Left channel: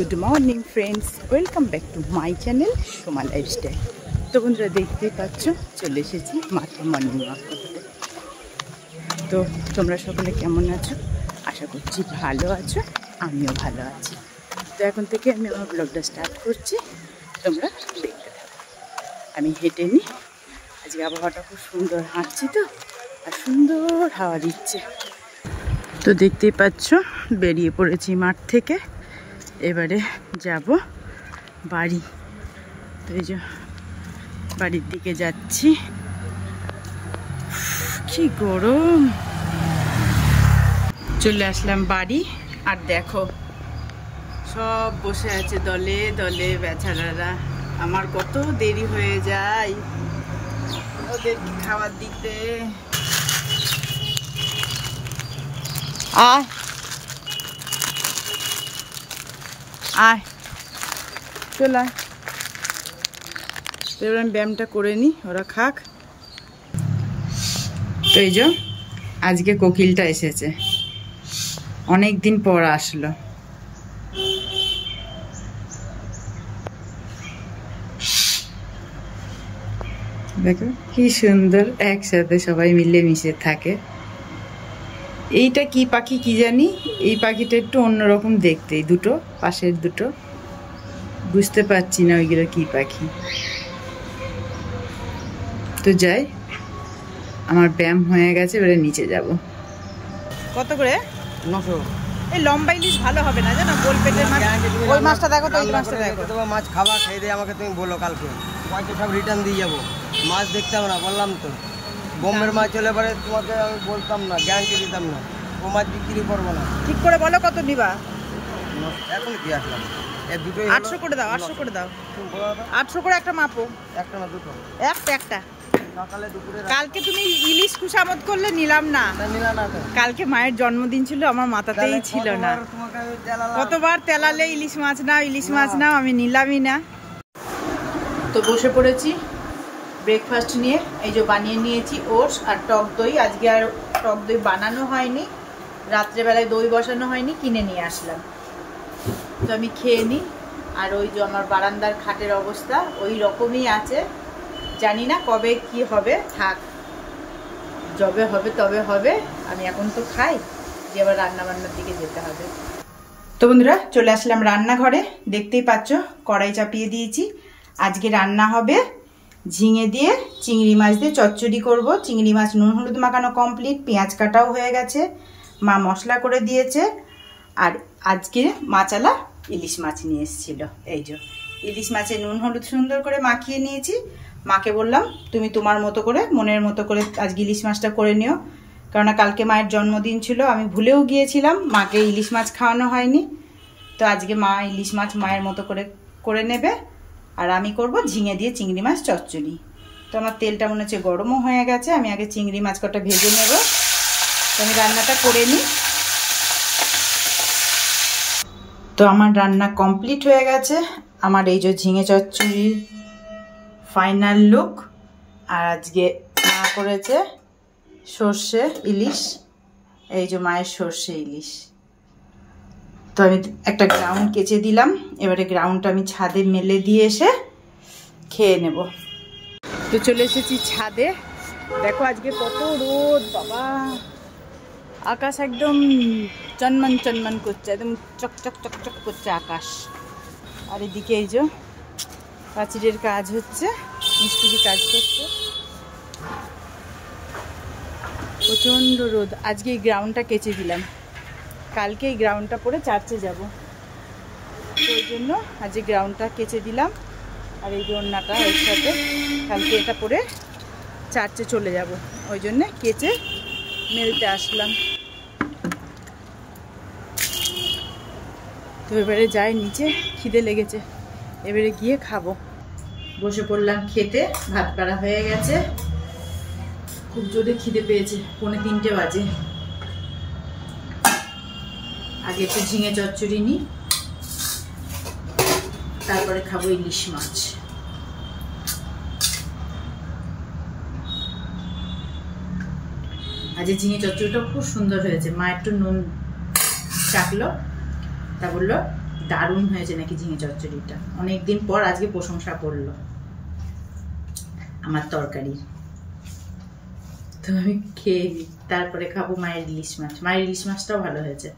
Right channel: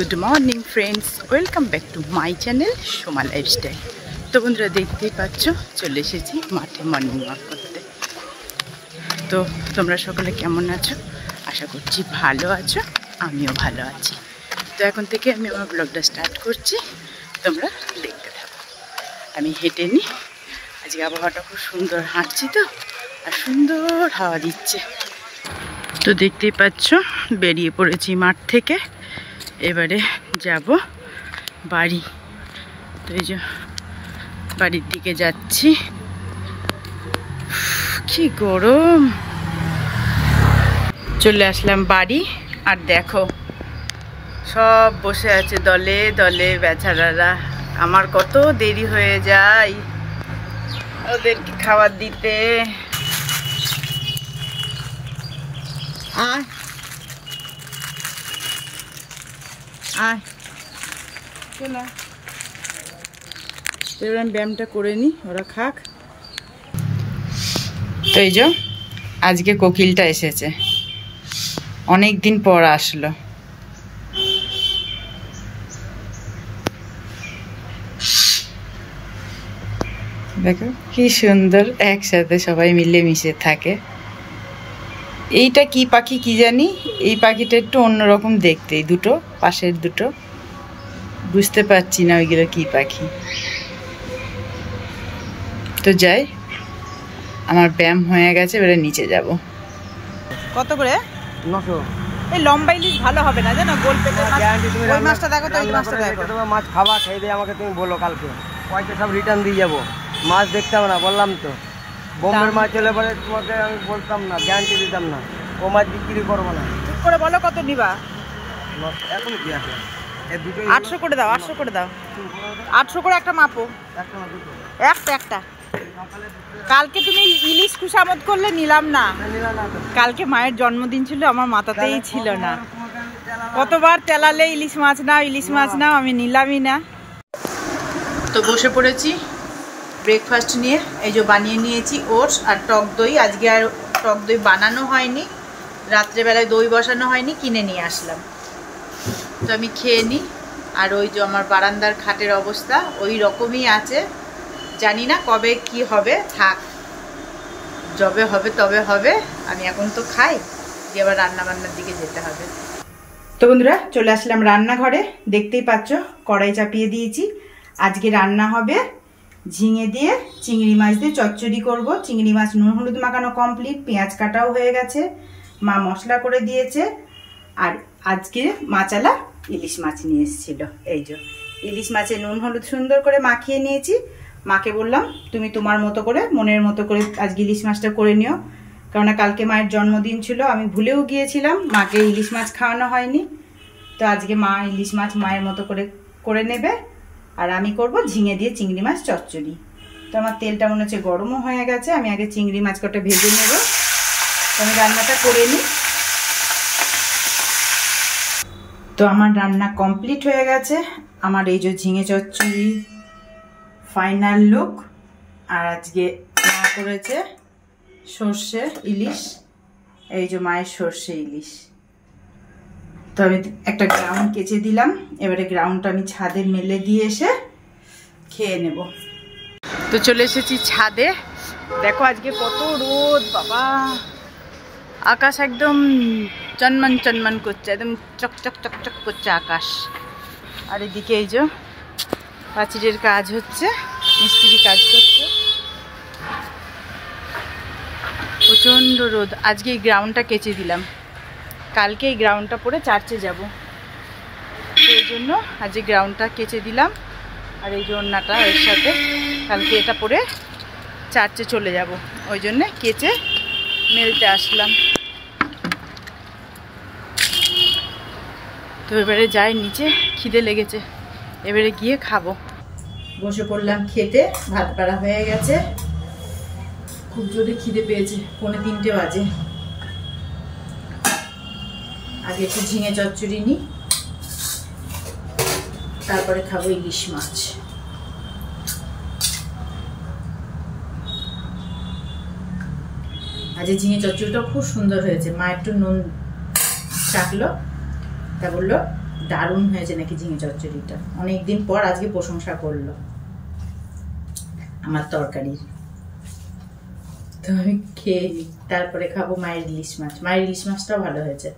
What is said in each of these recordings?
Good morning friends, welcome back to my channel Soma lifestyle. তো বন্ধুরা দেখতেই পাচ্ছ, চলে এসেছি মাঠে মর্নিং ওয়াক করতে। তো তোমরা সকলে কেমন আছো? আশা করছি ভালো আছো, আমিও ভালো আছি। তো এখন থেকে আমি আমার ব্লগটা স্টার্ট করছি, তোমরা দেখতে থাকো। আমি হেঁটে নিই, আজকে আবহাওয়াটা খুব সুন্দর, হাঁটছি তো আর সুন্দর হাওয়া দিচ্ছে। তো দেখতেই পাচ্ছ বেরিয়ে পড়েছি মাঠ থেকে, এবারে যাব বাড়ি। তো এই যে বাড়ির দিকে যাচ্ছি, কি গরম। চলে আসলাম বাড়ি, আর দেখো সব বসে আছে দলে দলে বেচারারা। আমার কত দেরি হয়ে যায় ওদেরকে খাবার দিতে। আয় আয়, চল আয়। তো এবার আমি ব্যায়ামটা করে নিই, ওরা খাক। তো এই যে আজকে কোকিলটা এসেছে, অনেক দিন পর আসলো। দেখো কি সুন্দর, একসাথে সবাই মিলে মিশে থাকে। এইটা কি পাখি কি জানি, এই পাখিটা একটু অন্যরকম দেখতে, এই দুটো পাশের দুটো বুঝতে পারছি না ওইগুলো কি পাখি। তো যাই, আমার ব্যায়াম হয়ে গেছে, এবারে নিচে যাব। কত করে? 900। এই লম্বা ইলিশ ভালো হবে না জানো, গোল পেটের মাছ। ওই মাছটা দেখো তো, ওই মাছটা দেখো। তোমার মাছ খাওয়া খেয়ে দিয়ে আমাকে তুমি বলো, কালকে পয়সা সব রিটার্ন দিয়ে যাবো। মাছ দেখতাম না, বললাম তো। বোম্বের মাছ হলে পরে তোমাকে আমি বলতাম না, গ্যারান্টি দিতাম না, ও মাছ বিক্রি করবো না। ঠিক করে বলো কত নিবা। এখন কি আসলাম, এর দুটো 800 করে দাও, 800 করে দাও। 800 করে একটা মাপো। একটা না দুটো? একটা। কালকে তুমি ইলিশ খুশামত করলে নিলাম না। কালকে মায়ের জন্মদিন ছিল, আমার মাথাতেই ছিল না। কতবার তেলালে ইলিশ মাছ নাও, ইলিশ মাছ নাও, আমি নিলামই না। তো বসে পড়েছি ব্রেকফাস্ট নিয়ে। এই যে বানিয়ে নিয়েছি ওটস আর টক দই। আজকে আর টক দই বানানো হয়নি, রাত্রেবেলায় দই বসানো হয়নি, কিনে নিয়ে আসলাম। তো আমি খেয়ে নিই। আর ওই যে আমার বারান্দার খাটের অবস্থা ওই রকমই আছে, জানি না কবে কি হবে। থাক, যবে হবে তবে হবে। আমি এখন তো খাই, দিয়ে আবার রান্নাবান্নার দিকে যেতে হবে। তো বন্ধুরা চলে আসলাম রান্নাঘরে, দেখতেই পাচ্ছ কড়াই চাপিয়ে দিয়েছি। আজকে রান্না হবে ঝিঙে দিয়ে চিংড়ি মাছ দিয়ে চচ্চড়ি করব। চিংড়ি মাছ নুন হলুদ মাখানো কমপ্লিট, পেঁয়াজ কাটাও হয়ে গেছে, মা মশলা করে দিয়েছে। আর আজকে মাচালা ইলিশ মাছ নিয়ে এসেছিল। এই যে ইলিশ মাছে নুন হলুদ সুন্দর করে মাখিয়ে নিয়েছি। মাকে বললাম তুমি তোমার মতো করে, মনের মতো করে আজকে ইলিশ মাছটা করে নিও, কেননা কালকে মায়ের জন্মদিন ছিল, আমি ভুলেও গিয়েছিলাম, মাকে ইলিশ মাছ খাওয়ানো হয়নি। তো আজকে মা ইলিশ মাছ মায়ের মতো করে করে নেবে, আর আমি করব ঝিঙে দিয়ে চিংড়ি মাছ চচ্চড়ি। তো আমার তেলটা মনে হচ্ছে গরমও হয়ে গেছে, আমি আগে চিংড়ি মাছ কটা ভেজে নেব। তো আমি রান্নাটা করে নিই। তো আমার রান্না কমপ্লিট হয়ে গেছে। আমার এই যে ঝিঙে চচ্চড়ি ফাইনাল লুক। আর আজকে মা করেছে সর্ষে ইলিশ, এই যে মায়ের সর্ষে ইলিশ। তো আমি একটা গ্রাউন্ড কেচে দিলাম, এবারে গ্রাউন্ডটা আমি ছাদে মেলে দিয়ে এসে খেয়ে নেব। তো চলে এসেছি ছাদে, দেখো আজকে কত রোদ বাবা, আকাশ একদম চনমন চনমন করছে, একদম চকচক চকচক করছে আকাশ। আর এদিকে এই যে প্রাচীরের কাজ হচ্ছে, মিস্ত্রি কাজ করছে, প্রচণ্ড রোদ। আজকে এই গ্রাউন্ডটা কেচে দিলাম, কালকে এই গ্রাউন্ডটা পরে চার্চে যাব, সেই জন্য আজকে গ্রাউন্ডটা কেচে দিলাম। আর এই যে ওড়নাটা এর সাথে, কালকে এটা পরে চার্চে চলে যাব, ওই জন্যে কেচে মেলতে আসলাম। তো এবারে যাই নিচে, খিদে লেগেছে, এবারে গিয়ে খাবো। বসে পড়লাম খেতে, ভাত বাড়া হয়ে গেছে, খুব জোরে খিদে পেয়েছে, 2:45 বাজে। আগে একটু ঝিঙে চচ্চড়ি নিই, তারপরে খাবো ইলিশ মাছ। আজ ঝিঙে চচ্চড়িটা খুব সুন্দর হয়েছে, মা একটু নুন চাকলো, তা বললো দারুণ হয়েছে নাকি ঝিঙে চচ্চড়িটা। অনেকদিন পর আজকে প্রশংসা করলো আমার তরকারির। তো আমি খেয়ে তারপরে খাবো মায়ের ইলিশ মাছ। মায়ের ইলিশ মাছটাও ভালো হয়েছে।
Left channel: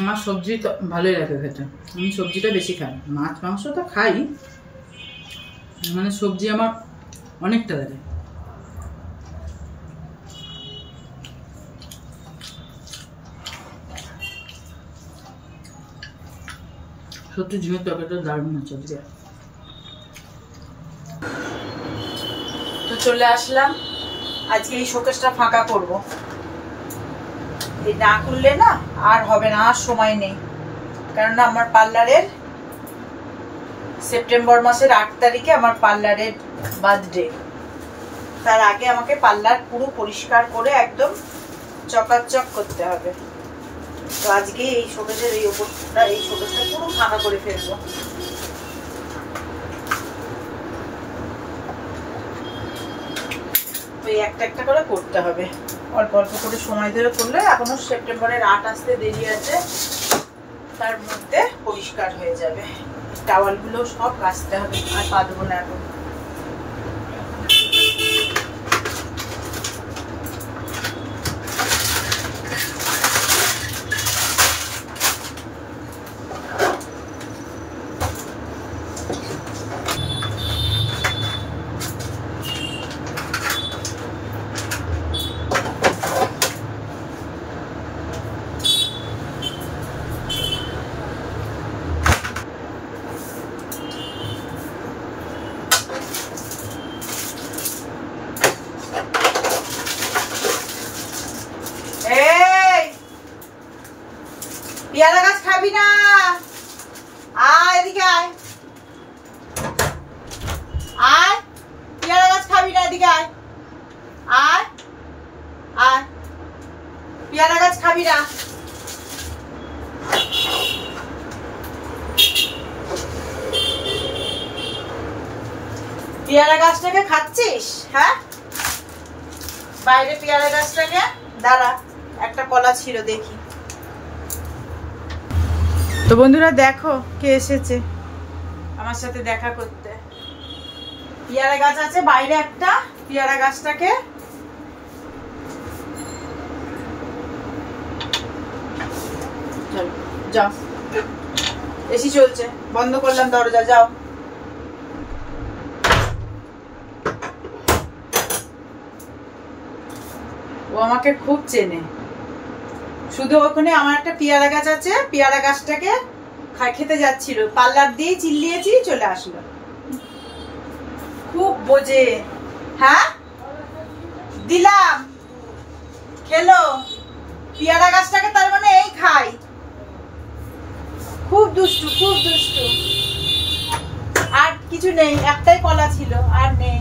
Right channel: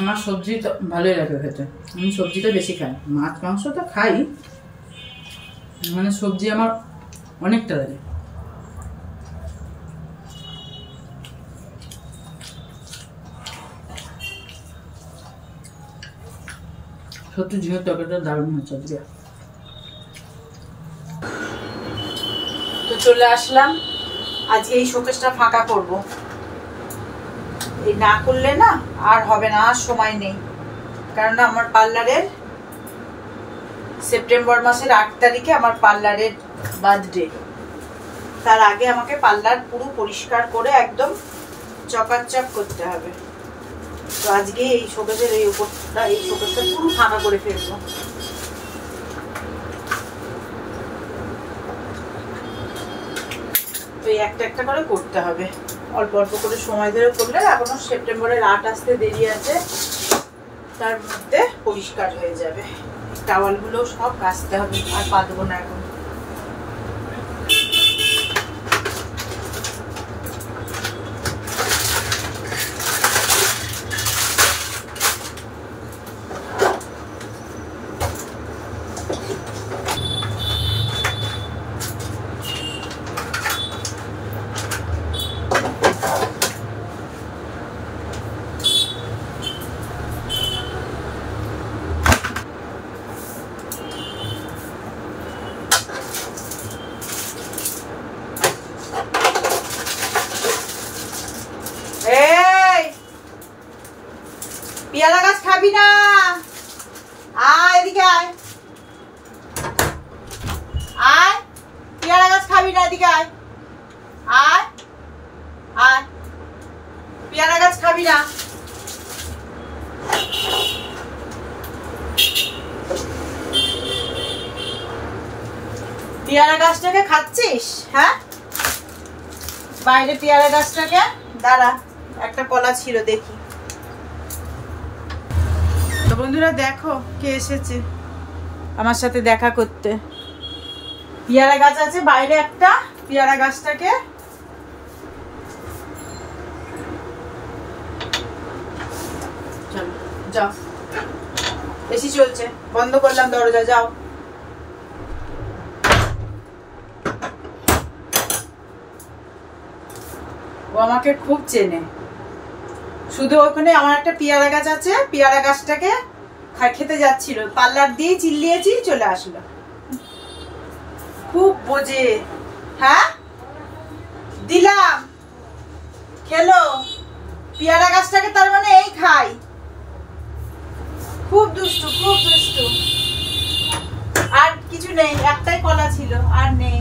আমার সবজি তো ভালোই লাগে খেতে, আমি সবজিটা বেশি খাই। মাছ মাংস তো খাই, মানে সবজি আমার অনেকটা লাগে। সত্যি ঝিঙের তরকারিটা দারুণ হচ্ছে আজকে। তো চলে আসলাম, আজকে এই শোকেসটা ফাঁকা করব। এই না করলে না আর হবে না, আর সময় নেই। কারণ আমার পার্লারের সেপ্টেম্বর মাসের 8 তারিখে আমার পার্লারের বার্থডে। তার আগে আমাকে পার্লার পুরো পরিষ্কার করে একদম চকাচক করতে হবে। তো আজকে এই শোকেসের এই উপরটা, এই শোকেসটা পুরো ফাঁকা করে ফেলবো। তো এই একটা একটা করে করতে হবে, অল্প অল্প করে সময় ধরে করলে এখনো সেপ্টেম্বরের 8 আসতে দেরি আছে, তার মধ্যে পরিষ্কার হয়ে যাবে। টাওয়ালগুলো সব কাচতে হবে, আর পাতবো না এখন। পেয়ারা গাছ খাবি না, আয় এদিকে আয়, আয় পেয়ারা গাছ খাবি না, এদিকে আয়, আয় আয়, পেয়ারা গাছ খাবি না। পেয়ারা গাছটাকে খাচ্ছিস? হ্যাঁ, বাইরে পেয়ারা গাছটাকে, দাঁড়া একটা কলা ছিল দেখি। তো বন্ধুরা দেখো কে এসেছে আমার সাথে দেখা করতে। পেয়ারা গাছ আছে বাইরে একটা, পেয়ারা গাছটাকে চলো যাও, এসি চলছে, বন্ধ করলাম দরজা, যাও। ও আমাকে খুব চেনে। শুধু ওখানে আমার একটা পেয়ারা গাছ আছে, পেয়ারা গাছটাকে খেতে যাচ্ছিল, পার্লার দিয়ে চিল্লিয়েছি, চলে আসলো। খুব বোঝে। হ্যাঁ দিলাম, খেলো। পেয়ারা গাছটাকে তার মানে এই খাই। খুব দুষ্টু, খুব দুষ্টু। আর কিছু নেই, একটাই কলা ছিল, আর নেই,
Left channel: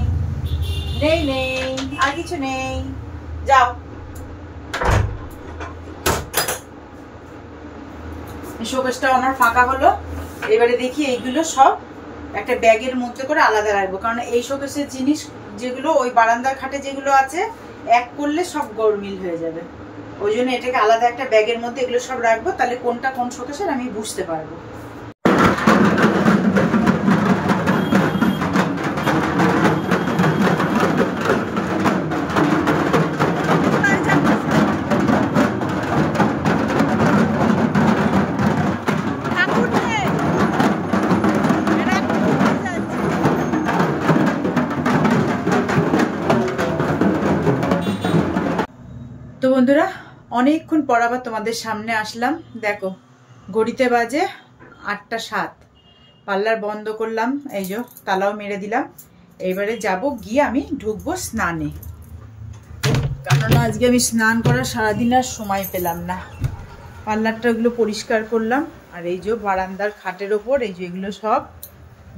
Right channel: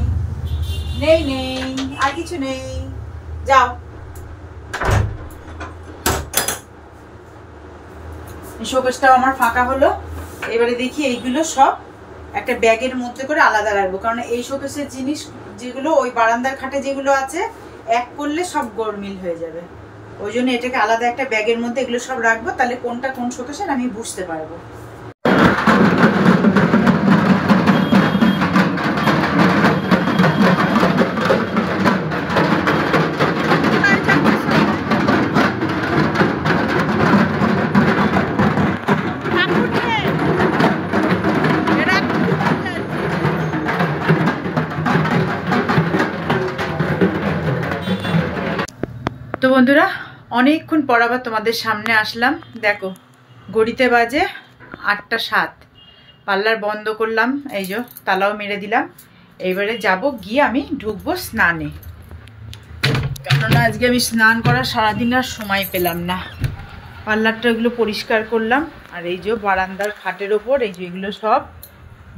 নেই নেই, আর কিছু নেই, যাও। শোকেসটাও আমার ফাঁকা হলো। এবারে দেখি এইগুলো সব একটা ব্যাগের মধ্যে করে আলাদা রাখবো, কারণ এই শোকেসের জিনিস যেগুলো ওই বারান্দার খাটে যেগুলো আছে এক করলে সব গোলমিল হয়ে যাবে। ওই জন্য এটাকে আলাদা একটা ব্যাগের মধ্যে এগুলো সব রাখবো, তাহলে কোনটা কোন শোকেসের আমি বুঝতে পারবো। তো বন্ধুরা অনেকক্ষণ পর আবার তোমাদের সামনে আসলাম। দেখো ঘড়িতে বাজে 8টা 7, পার্লার বন্ধ করলাম, এই যে তালাও মেরে দিলাম। এইবারে যাব গিয়ে আমি ঢুকবো স্নানে, কেননা আজকে আমি স্নান করার সারাদিন আর সময় পেলাম না। পার্লারটা এগুলো পরিষ্কার করলাম, আর এই যে বারান্দার খাটের ওপর এই যে এগুলো সব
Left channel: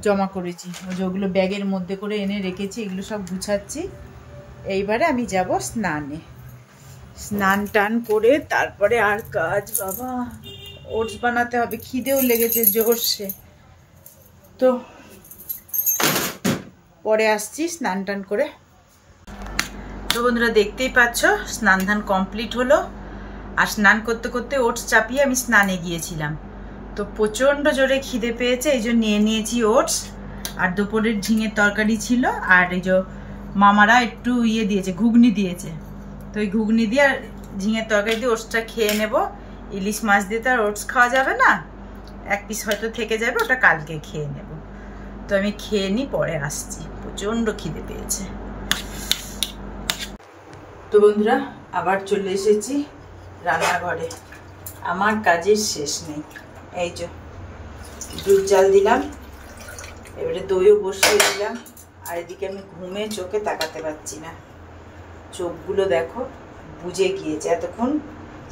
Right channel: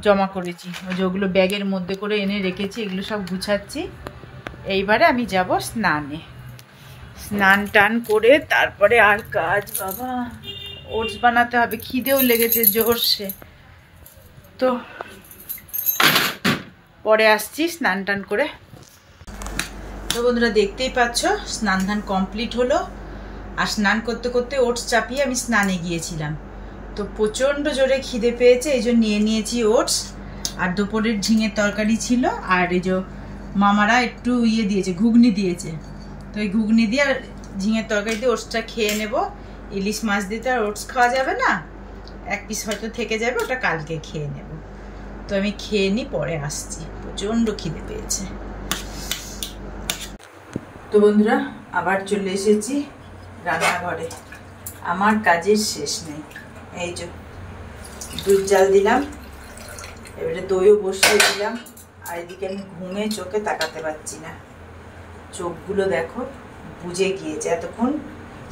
জমা করেছি, ওই যে ওগুলো ব্যাগের মধ্যে করে এনে রেখেছি, এগুলো সব গুছাচ্ছি। এইবারে আমি যাব স্নানে, স্নান টান করে তারপরে আর কাজ বাবা ওটস বানাতে হবে, খিদেও লেগেছে জোরসে। তো পরে আসছি স্নান টান করে। তো বন্ধুরা দেখতেই পাচ্ছ স্নান ধান কমপ্লিট হলো। আর স্নান করতে করতে ওটস চাপিয়ে আমি স্নানে গিয়েছিলাম। তো প্রচণ্ড জোরে খিদে পেয়েছে, এই জন্য নিয়ে নিয়েছি ওটস। আর দুপুরের ঝিঙের তরকারি ছিল, আর এই যে মামারা একটু দিয়েছে, ঘুগনি দিয়েছে। তো এই ঘুগনি দিয়ে আর ঝিঙের তরকারি দিয়ে ওটসটা খেয়ে নেব। ইলিশ মাছ দিয়ে তো আর ওটস খাওয়া যাবে না, এক পিস হয়তো থেকে যাবে, ওটা কালকে খেয়ে নেব। তো আমি খেয়ে নিই, পরে আসছি, প্রচণ্ড খিদে পেয়েছে। তো বন্ধুরা আবার চলে এসেছি রান্নাঘরে, আমার কাজের শেষ নেই। এই যে দুধ জাল দিলাম, এবারে দইও বসিয়ে দিলাম। আর এদিকে আমি ঘুমে চোখে তাকাতে পারছি না, চোখগুলো দেখো বুজে গিয়েছে। এতক্ষণ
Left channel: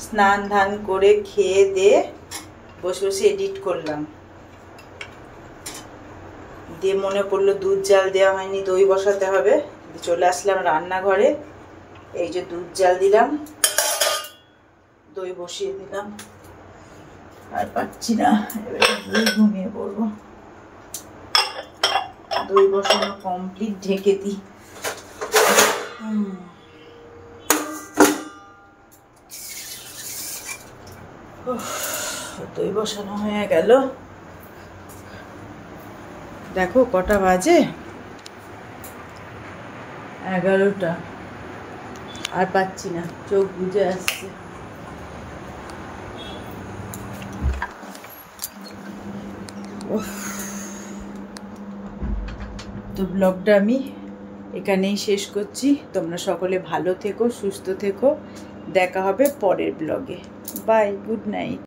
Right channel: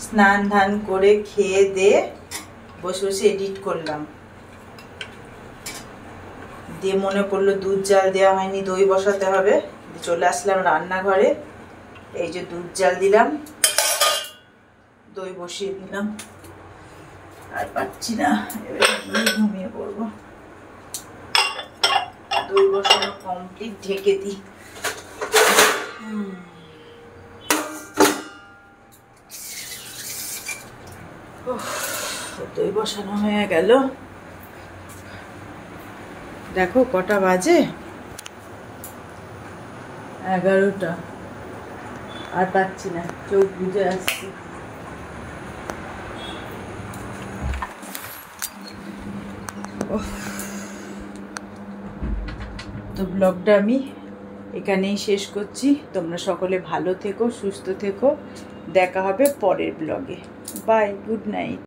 স্নান ধান করে খেয়ে দিয়ে বসে বসে এডিট করলাম, দিয়ে মনে পড়লো দুধ জাল দেওয়া হয়নি, দই বসাতে হবে। চলে আসলাম রান্নাঘরে, এই যে দুধ জাল দিলাম, দই বসিয়ে দিলাম। আর পাচ্ছি না, এবারে ঘুমিয়ে পড়বো। দই বসানো কমপ্লিট, ঢেকে দিই। দই বসানো হয়ে গেল। দেখো কটা বাজে, 11টা। আর পাচ্ছি না, চোখ বুজে আসছে। তো ব্লগটা আমি এখানেই শেষ করছি। তোমরা সকলে ভালো থেকো, সুস্থ থেকো। দেখা হবে পরের ব্লগে। Bye, good night.